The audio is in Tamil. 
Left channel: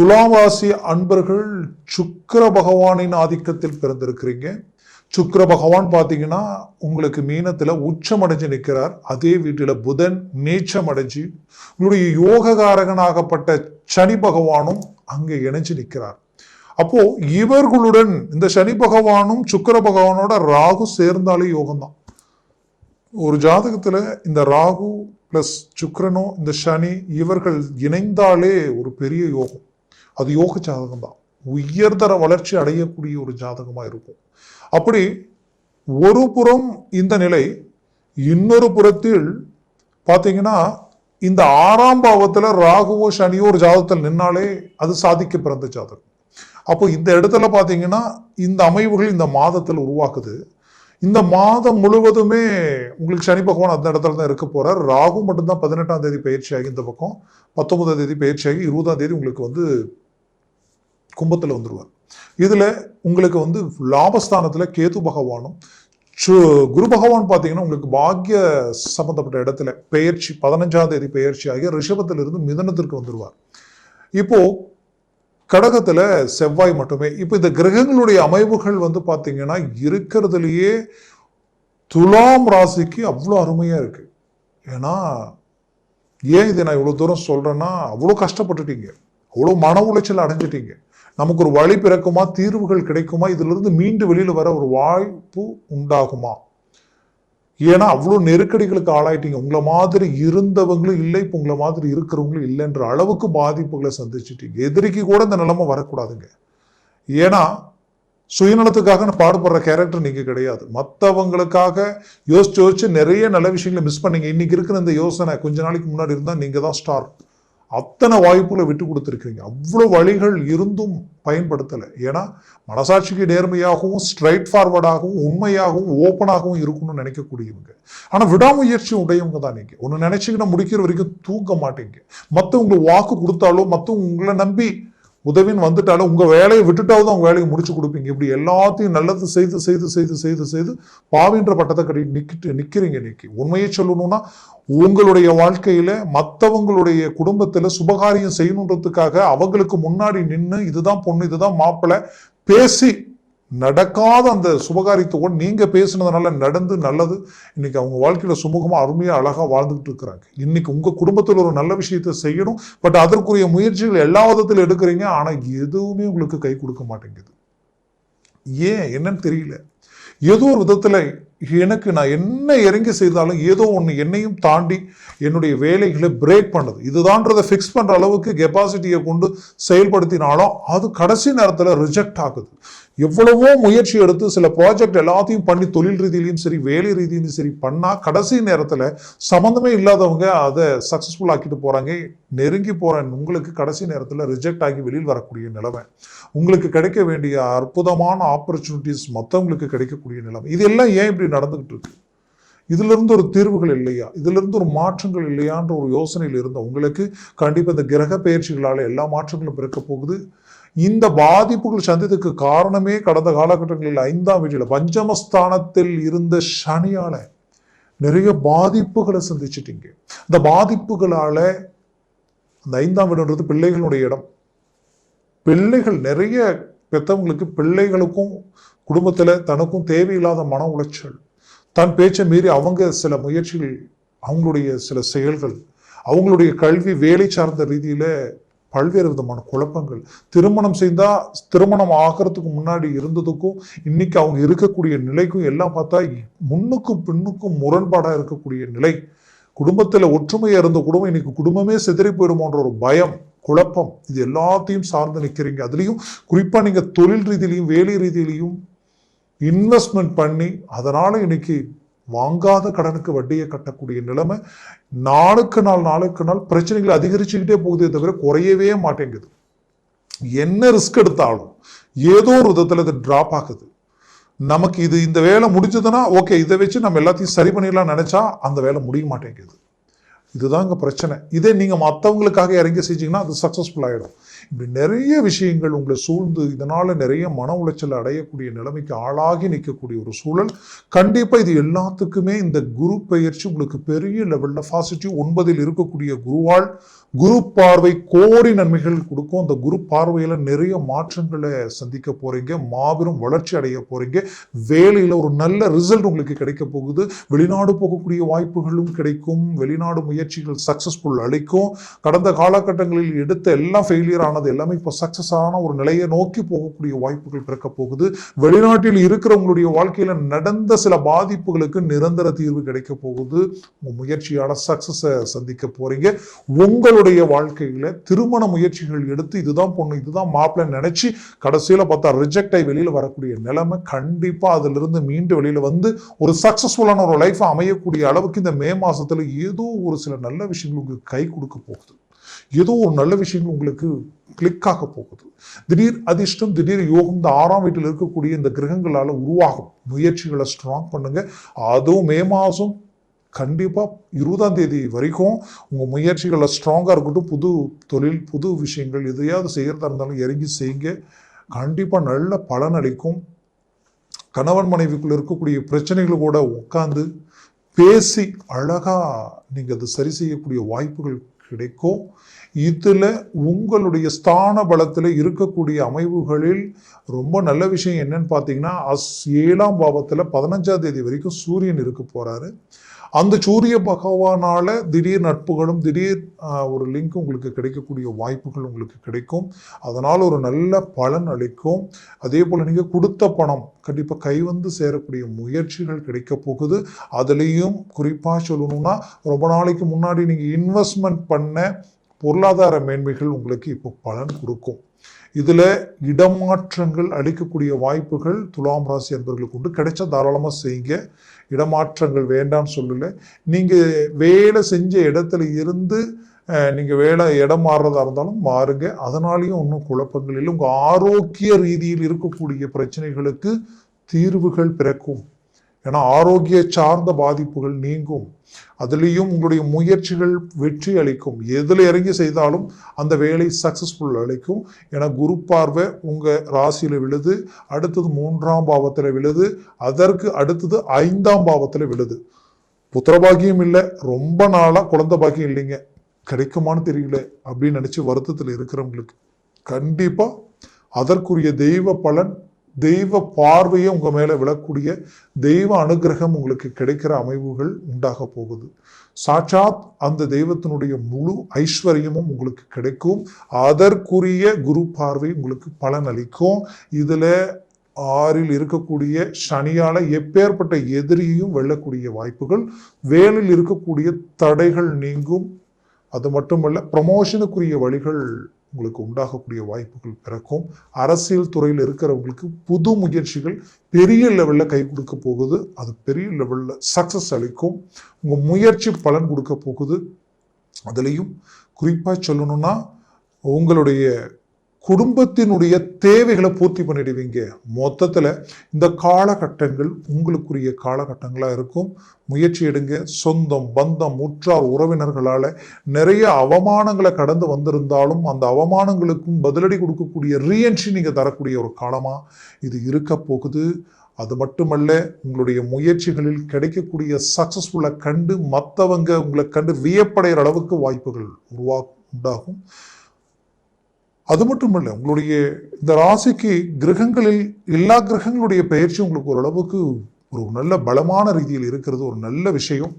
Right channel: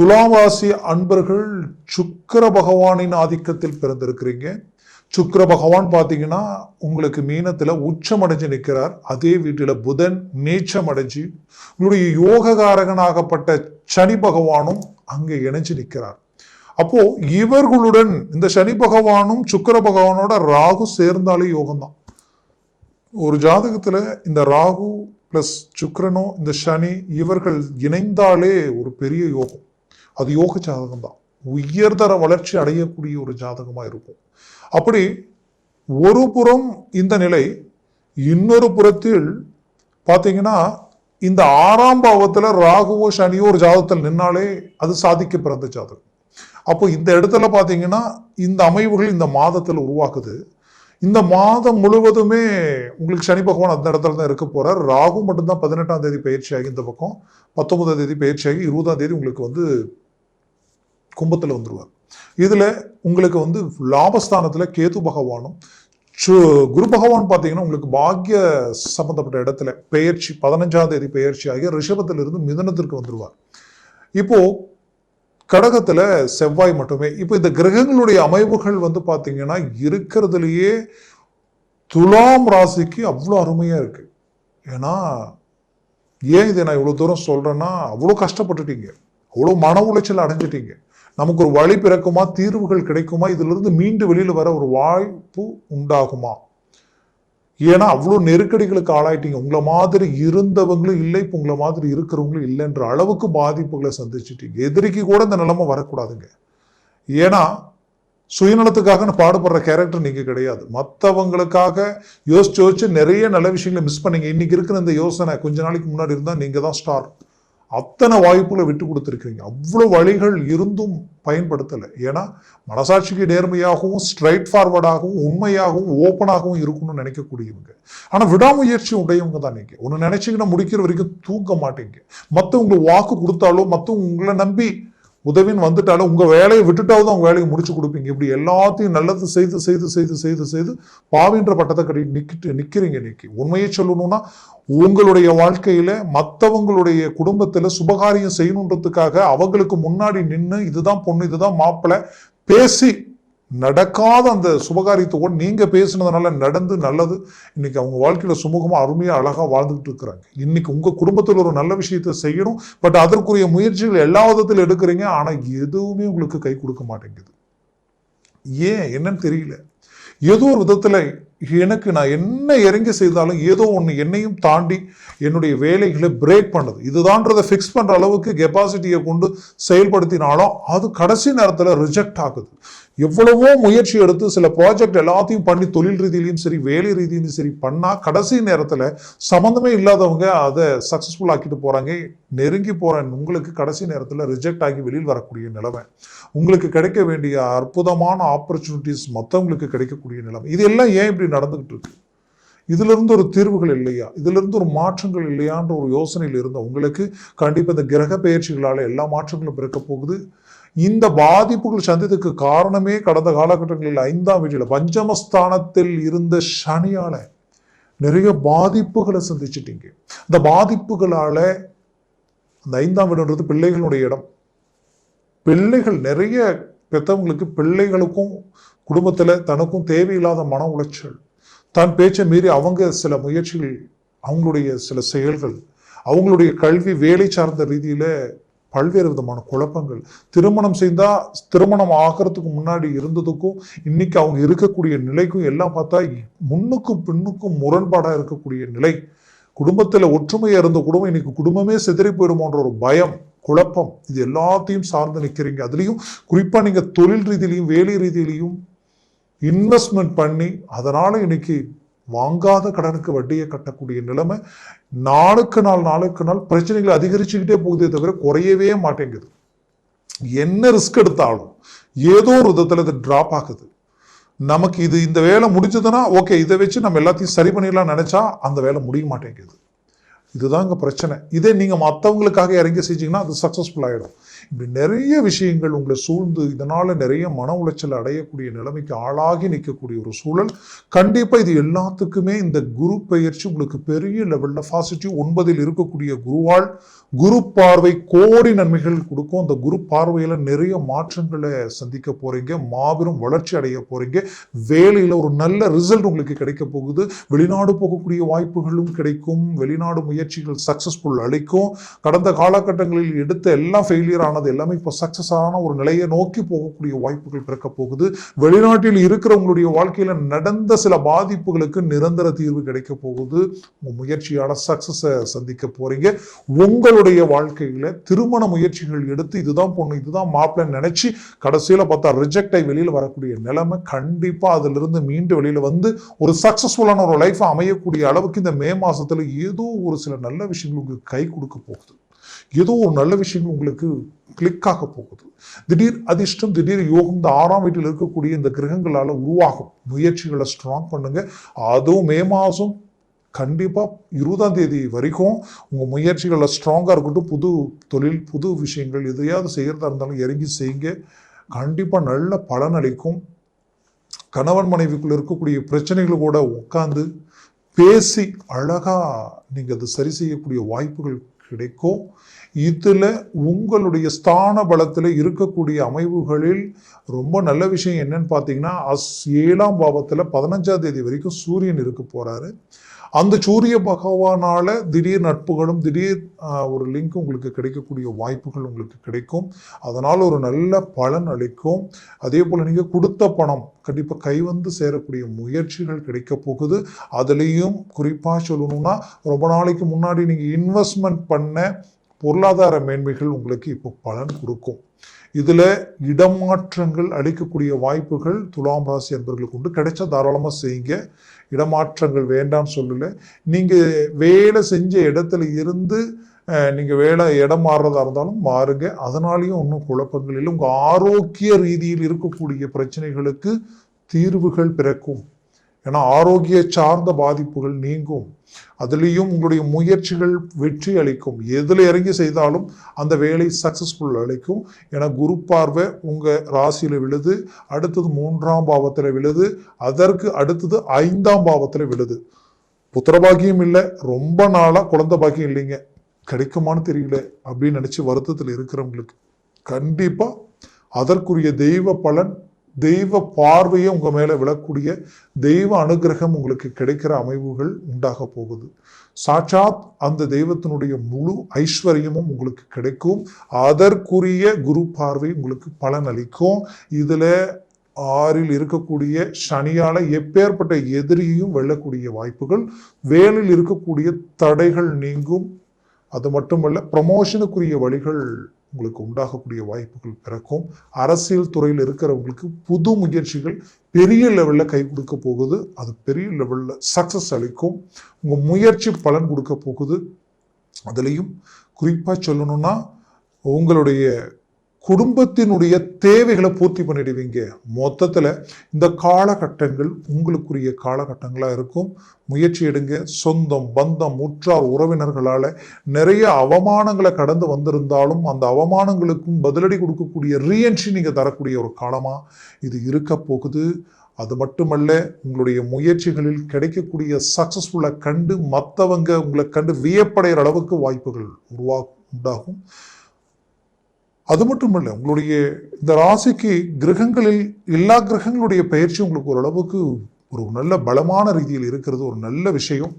துலாவாசி அன்பர்கள் சுக்கர பகவானின் ஆதிக்கத்தில் பிறந்திருக்கிறீங்க. சுக்கர பகவான் பார்த்தீங்கன்னா உங்களுக்கு மீனத்தில் உச்சம் அடைஞ்சு நிற்கிறார். அதே வீட்டில் புதன் நீச்சம் அடைஞ்சு உங்களுடைய யோககாரகனாகப்பட்ட சனி பகவானும் அங்கே இணைஞ்சு நிற்கிறார். அப்போ இவர்களுடன் இந்த சனி பகவானும் சுக்கர பகவானோட ராகு சேர்ந்தாலே யோகம்தான். ஒரு ஜாதகத்துல இந்த ராகு பிளஸ் சுக்கரனோ இந்த சனி இவர்கள் இணைந்தாலே ஒரு பெரிய யோகம். அது யோக ஜாதகம் தான். உயர்தர வளர்ச்சி அடையக்கூடிய ஒரு ஜாதகமா இருக்கும். அப்படி ஒரு புறம் இந்த நிலை இன்னொரு புறத்தில் பாத்தீங்கன்னா இந்த ஆறாம் பாவத்துல ராகுவோ சனியோ ஒரு ஜாதகத்தில் நின்னாலே அது சாதிக்க பிறந்த ஜாதகம். அப்போ இந்த இடத்துல பாத்தீங்கன்னா இந்த அமைவுகள் இந்த மாதத்துல உருவாக்குது. இந்த மாதம் முழுவதுமே உங்களுக்கு சனி பகவான் அந்த இடத்துல தான் இருக்க போறார். ராகு மட்டும்தான் பதினெட்டாம் தேதி பயிற்சியாகி இந்த பக்கம் பத்தொன்பதாம் தேதி பயிற்சியாகி இருபதாம் தேதி உங்களுக்கு வந்து கும்பத்தில் வந்துடுவார் இதில் உங்களுக்கு வந்து லாபஸ்தானத்தில் கேது பகவானும் சு- குரு பகவான் பார்த்தீங்கன்னா உங்களுக்கு பாக்கிய சம்பந்தப்பட்ட இடத்துல பெயர்ச்சி பதினஞ்சாம் தேதி பெயர்ச்சி ஆகிய ரிஷபத்திலிருந்து மிதனத்திற்கு வந்துடுவார் இப்போ கடகத்துல செவ்வாய் மட்டுமே. இப்போ இந்த கிரகங்களுடைய அமைவுகள் வந்து பார்த்தீங்கன்னா இருக்கிறதுலையே துலாம் ராசிக்கு அவ்வளோ அருமையாக இருக்கு. ஏன்னா ஏன் இதை நான் இவ்வளோ தூரம் சொல்கிறேன்னா அவ்வளோ கஷ்டப்பட்டுட்டீங்க. அவ்வளோ மன உளைச்சல் அடைஞ்சிட்டீங்க. நமக்கு ஒரு வழி பிறக்குமா? தீர்வுகள் கிடைக்குமா? இதுல இருந்து மீண்டு வெளியில வர ஒரு வாய்ப்பு உண்டாகுமா? ஏன்னா அவ்வளோ நெருக்கடிகளுக்கு ஆளாயிட்டீங்க. உங்களை மாதிரி இருந்தவங்களும் இல்லை இப்போ உங்களை மாதிரி இருக்கிறவங்களும் இல்லைன்ற அளவுக்கு பாதிப்புகளை சந்திச்சிட்டீங்க. எதிரிக்கு கூட இந்த நிலைமை வரக்கூடாதுங்க. ஏன்னா சுயநலத்துக்காக பாடுபடுற கேரக்டர் நீங்க கிடையாது. மற்றவங்களுக்காக யோசிச்சு யோசிச்சு நிறைய நல்ல விஷயங்களை மிஸ் பண்ணீங்க. இன்னைக்கு இருக்கிற இந்த யோசனை கொஞ்ச நாளைக்கு முன்னாடி இருந்தா நீங்க தான் ஸ்டார் அத்தனை வாய்ப்புகளை விட்டு கொடுத்துருக்கீங்க அவ்வளவு வழிகள் இருந்தும் பயன்படுத்தலை. ஏன்னா மனசாட்சிக்கு நேர்மையாகவும் ஸ்ட்ரைட் ஃபார்வர்டாகவும் உண்மையாகவும் ஓப்பனாகவும் இருக்கணும்னு நினைக்கக்கூடியவங்க. ஆனால் விடாமுயற்சி உடையவங்க தான் நீங்கள் ஒன்று நினைச்சிங்கன்னா முடிக்கிற வரைக்கும் தூங்க மாட்டீங்க. மற்றவங்களுக்கு வாக்கு கொடுத்தாலும் மற்றவங்க உங்களை நம்பி உதவின்னு வந்துட்டாலும் உங்கள் வேலையை விட்டுட்டாவது அவங்க வேலையை முடிச்சு கொடுப்பீங்க. இப்படி எல்லாத்தையும் நல்லது செய்து செய்து செய்து செய்து செய்து பாவின்ற பட்டத்தை கட்டி நிக்கிட்டு நிற்கிறீங்க நிற்கி உண்மையை சொல்லணும்னா உங்களுடைய வாழ்க்கையில் மற்றவங்களுடைய குடும்பத்தில் சுபகாரியம் செய்யணுன்றதுக்காக அவங்களுக்கு முன்னாடி நின்று இதுதான் பொண்ணு இதுதான் மாப்பிள்ளை பேசி நடக்காத அந்த சுபகாரியத்தோடு நீங்க பேசினதுனால நடந்து நல்லது. இன்னைக்கு அவங்க வாழ்க்கையில சுமூகமா அருமையா அழகா வாழ்ந்துட்டு இருக்கிறாங்க. இன்னைக்கு உங்க குடும்பத்துல ஒரு நல்ல விஷயத்தை செய்யணும். பட் அதற்குரிய முயற்சிகள் எல்லா விதத்துல எடுக்கிறீங்க. ஆனா எதுவுமே உங்களுக்கு கை கொடுக்க மாட்டேங்குது. ஏன்? என்னன்னு தெரியல. ஏதோ ஒரு விதத்தில் எனக்கு நான் என்ன இறங்கி செய்தாலும் ஏதோ ஒன்று என்னையும் தாண்டி என்னுடைய வேலைகளை பிரேக் பண்ணுது. இதுதான்றதை ஃபிக்ஸ் பண்ணுற அளவுக்கு கெப்பாசிட்டியை கொண்டு செயல்படுத்தினாலும் அது கடைசி நேரத்தில் ரிஜெக்ட் ஆகுது. எவ்வளவோ முயற்சி எடுத்து சில ப்ராஜெக்ட் எல்லாத்தையும் பண்ணி தொழில் ரீதியிலையும் சரி வேலை ரீதியிலையும் சரி பண்ணால் கடைசி நேரத்தில் சம்மந்தமே இல்லாதவங்க அதை சக்ஸஸ்ஃபுல் ஆக்கிட்டு போகிறாங்க நெருங்கி போகிறேன் உங்களுக்கு கடைசி நேரத்தில் ரிஜெக்ட் ஆகி வெளியில் வரக்கூடிய நிலைமை. உங்களுக்கு கிடைக்க வேண்டிய அற்புதமான ஆப்பர்ச்சுனிட்டிஸ் மற்றவங்களுக்கு கிடைக்கக்கூடிய நிலைமை. இதெல்லாம் ஏன் இப்படி நடந்துகிட்டு இருக்கு? இதுல இருந்து ஒரு தீர்வுகள் இல்லையா? இதுல இருந்து ஒரு மாற்றங்கள் இல்லையான்ற ஒரு யோசனையில் இருந்த உங்களுக்கு கண்டிப்பா இந்த கிரக பயிற்சிகளால் எல்லா மாற்றங்களும் பிறக்க போகுது. இந்த பாதிப்புகள் சந்தித்ததுக்கு காரணமே கடந்த காலகட்டங்களில் ஐந்தாம் வீட்டில் பஞ்சமஸ்தானத்தில் இருந்த சனியால நிறைய பாதிப்புகளை சந்திச்சிட்டீங்க இந்த பாதிப்புகளால அந்த ஐந்தாம் வீடுன்றது பிள்ளைகளுடைய இடம். பிள்ளைகள் நிறைய பெற்றவங்களுக்கு பிள்ளைகளுக்கும் குடும்பத்துல தனக்கும் தேவையில்லாத மன உளைச்சல். தன் பேச்சை மீறி அவங்க சில முயற்சிகள் அவங்களுடைய சில செயல்கள் அவங்களுடைய கல்வி வேலை சார்ந்த ரீதியில பல்வேறு விதமான குழப்பங்கள். திருமணம் செய்தா திருமணம் ஆகிறதுக்கு முன்னாடி இருந்ததுக்கும் இன்னைக்கு அவங்க இருக்கக்கூடிய நிலைக்கும் எல்லாம் பார்த்தா முன்னுக்கும் பின்னுக்கும் முரண்பாடா இருக்கக்கூடிய நிலை. குடும்பத்துல ஒற்றுமையா இருந்த குடும்பம் இன்னைக்கு குடும்பமே சிதறி போயிடுமோன்ற ஒரு பயம் குழப்பம் இது எல்லாத்தையும் சார்ந்து நிற்கிறீங்க அதுலேயும் குறிப்பாக நீங்கள் தொழில் ரீதியிலையும் வேலை ரீதியிலையும் இன்வெஸ்ட்மெண்ட் பண்ணி அதனால இன்னைக்கு வாங்காத கடனுக்கு வட்டியை கட்டக்கூடிய நிலைமை நாளுக்கு நாள் நாளுக்கு நாள் பிரச்சனைகள் அதிகரிச்சுக்கிட்டே போகுதே தவிர குறையவே மாட்டேங்குது. என்ன ரிஸ்க் எடுத்தாலும் ஏதோ ஒரு விதத்துல அது டிராப் ஆகுது. நமக்கு இது இந்த வேலை முடிச்சதுன்னா ஓகே இதை வச்சு நம்ம எல்லாத்தையும் சரி பண்ணிடலாம் நினைச்சா அந்த வேலை முடிய மாட்டேங்குது. இதுதாங்க பிரச்சனை. இதே நீங்கள் மற்றவங்களுக்காக இறங்கி செஞ்சீங்கன்னா அது சக்ஸஸ்ஃபுல் ஆகிடும் இப்படி நிறைய விஷயங்கள் உங்களை சூழ்ந்து இதனால் நிறைய மன உளைச்சல் அடையக்கூடிய நிலைமைக்கு ஆளாகி நிற்கக்கூடிய ஒரு சூழல். கண்டிப்பாக இது எல்லாத்துக்குமே இந்த குரு பயிற்சி உங்களுக்கு பெரிய லெவலில் பாசிட்டிவ் ஒன்பதில் இருக்கக்கூடிய குருவால் குரு பார்வை கோடி நன்மைகள் கொடுக்கும். அந்த குரு பார்வையில நிறைய மாற்றங்களை சந்திக்க போறீங்க. மாபெரும் வளர்ச்சி அடைய போறீங்க. வேலையில ஒரு நல்ல ரிசல்ட் உங்களுக்கு கிடைக்க போகுது. வெளிநாடு போகக்கூடிய வாய்ப்புகளும் கிடைக்கும். வெளிநாடு முயற்சிகள் சக்சஸ்ஃபுல் அளிக்கும். கடந்த காலகட்டங்களில் எடுத்த எல்லாம் ஃபெயிலியர் ஆனது எல்லாமே இப்போ சக்சஸ் ஆன ஒரு நிலையை நோக்கி போகக்கூடிய வாய்ப்புகள் பிறக்க போகுது. வெளிநாட்டில் இருக்கிறவங்களுடைய வாழ்க்கையில நடந்த சில பாதிப்புகளுக்கு நிரந்தர தீர்வு கிடைக்க போகுது. உங்க முயற்சியால சக்சஸை சந்திக்க போறீங்க. உங்களுடைய வாழ்க்கையில திருமண முயற்சிகள் எடுத்து இதுதான் பொண்ணு இதுதான் மாப்பிள்ளை நினைச்சு கடைசியில பார்த்தா ரிஜெக்டை வெளியில வரக்கூடிய நிலைமை கண்டிப்பா அதுல இருந்து மீண்டு வெளியில வந்து ஒரு சக்சஸ்ஃபுல்லான ஒரு லைஃப் அமையக்கூடிய அளவுக்கு இந்த மே மாசத்துல ஏதோ ஒரு சில நல்ல விஷயங்கள் உங்களுக்கு கை கொடுக்க போகுது. ஏதோ ஒரு நல்ல விஷயங்கள் உங்களுக்கு கிளிக் ஆக போகுது. திடீர் அதிர்ஷ்டம் திடீர் யோகம் இந்த ஆறாம் வீட்டில் இருக்கக்கூடிய இந்த கிரகங்களால உருவாகும். முயற்சிகளை ஸ்ட்ராங் பண்ணுங்க. அதுவும் மே மாசம் கண்டிப்பா இருபதாம் தேதி வரைக்கும் உங்க முயற்சிகள் ஸ்ட்ராங்கா இருக்கட்டும் புது தொழில் புது விஷயங்கள் எதையாவது செய்யறதா இருந்தாலும் இறங்கி செய்யுங்க. கண்டிப்பா நல்ல பலன் அளிக்கும். கணவன் மனைவிக்குள்ள இருக்கக்கூடிய பிரச்சனைகள் கூட உட்காந்து பேசி அழகா நீங்க அதை சரி செய்யக்கூடிய வாய்ப்புகள் கிடைக்கும். இதில் உங்களுடைய ஸ்தான பலத்தில் இருக்கக்கூடிய அமைவுகளில் ரொம்ப நல்ல விஷயம் என்னன்னு பார்த்தீங்கன்னா அஸ் ஏழாம் பாவத்தில் பதினஞ்சாம் தேதி வரைக்கும் சூரியன் இருக்க போகிறாரு அந்த சூரிய பகவானால திடீர் நட்புகளும் திடீர் ஒரு லிங்க் உங்களுக்கு கிடைக்கக்கூடிய வாய்ப்புகள் உங்களுக்கு கிடைக்கும். அதனால் ஒரு நல்ல பலன் அளிக்கும். அதே போல நீங்க கொடுத்த பணம் கண்டிப்பாக கை வந்து சேரக்கூடிய முயற்சிகள் கிடைக்க போகுது. அதுலேயும் குறிப்பாக சொல்லணும்னா ரொம்ப நாளைக்கு முன்னாடி நீங்கள் இன்வெஸ்ட்மெண்ட் பண்ண பொருளாதார மேன்மைகள் உங்களுக்கு இப்போ பலன் கொடுக்கும். இதுல இடமாற்றங்கள் அளிக்கக்கூடிய வாய்ப்புகள் துலாம் ராசி என்பவர்களுக்கு உண்டு. கிடைச்சா தாராளமா செய்யுங்க. இடமாற்றங்கள் வேண்டாம்னு சொல்லல. நீங்க வேலை செஞ்ச இடத்துல இருந்து அஹ், நீங்க வேலை இடம் மாறுறதா இருந்தாலும் மாறுங்க. அதனாலயும் ஒன்றும் குழப்பங்கள் இல்லை. உங்க ஆரோக்கிய ரீதியில் இருக்கக்கூடிய பிரச்சனைகளுக்கு தீர்வுகள் பிறக்கும். ஏன்னா ஆரோக்கிய சார்ந்த பாதிப்புகள் நீங்கும். அதுலேயும் உங்களுடைய முயற்சிகள் வெற்றி அளிக்கும். எதில் இறங்கி செய்தாலும் அந்த வேலை சக்சஸ்ஃபுல் அளிக்கும். ஏன்னா குரு பார்வை உங்கள் ராசியில் விழுது அடுத்தது மூன்றாம் பாவத்தில் விழுது அதற்கு அடுத்தது ஐந்தாம் பாவத்தில் விழுது. புத்திரபாக்கியம் இல்லை ரொம்ப நாளாக குழந்தை பாக்கியம் இல்லைங்க. கிடைக்குமான்னு தெரியல அப்படின்னு நினச்சி வருத்தத்தில் இருக்கிறவங்களுக்கு கண்டிப்பாக அதற்குரிய தெய்வ பலன் தெய்வ பார்வையை உங்க மேல விழக்கூடிய தெய்வ அனுகிரகம் உங்களுக்கு கிடைக்கிற அமைவுகள் உண்டாக போகுது. சாட்சாத் அந்த தெய்வத்தினுடைய முழு ஐஸ்வர்யமும் உங்களுக்கு கிடைக்கும். அதற்குரிய குரு பார்வை உங்களுக்கு பலன் அளிக்கும். இதுல ஆறில் இருக்கக்கூடிய சனியான எப்பேற்பட்ட எதிரியையும் வெல்லக்கூடிய வாய்ப்புகள் வேனில் இருக்கக்கூடிய தடைகள் நீங்கும். அது மட்டுமல்ல ப்ரமோஷனுக்குரிய வழிகள் உங்களுக்கு உண்டாகக்கூடிய வாய்ப்புகள் பிறக்கும். அரசியல் துறையில் இருக்கிறவங்களுக்கு புது முயற்சிகள் பெரிய லெவலில் கை கொடுக்க போகுது. அது பெரிய லெவலில் சக்ஸஸ் அளிக்கும். உங்கள் முயற்சி பலன் கொடுக்க போகுது. அதுலேயும் குறிப்பாக சொல்லணும்னா உங்களுடைய குடும்பத்தினுடைய தேவைகளை பூர்த்தி பண்ணிடுவீங்க. மொத்தத்தில் இந்த காலகட்டங்கள் உங்களுக்குரிய காலகட்டங்களாக இருக்கும். முயற்சி எடுங்க. சொந்தம் பந்தம் உற்றார் உறவினர்களால் நிறைய அவமானங்களை கடந்து வந்திருந்தாலும் அந்த அவமானங்களுக்கும் பதிலடி கொடுக்கக்கூடிய ரீஎன்ட்ரி நீங்கள் தரக்கூடிய ஒரு காலமாக இது இருக்க போகுது. அது மட்டுமல்ல உங்களுடைய முயற்சிகளில் கிடைக்கக்கூடிய சக்ஸஸ்ஃபுல்லை கண்டு மற்றவங்க உங்களை கண்டு வியப்படைகிற அளவுக்கு வாய்ப்புகள் உருவா உண்டாகும். அது மட்டுமல்ல உங்களுடைய இந்த ராசிக்கு கிரகங்களில் எல்லா கிரகங்களுடைய பயிற்சி உங்களுக்கு ஓரளவுக்கு ஒரு நல்ல பலமான ரீதியில் இருக்கிறது ஒரு நல்ல விஷயம்.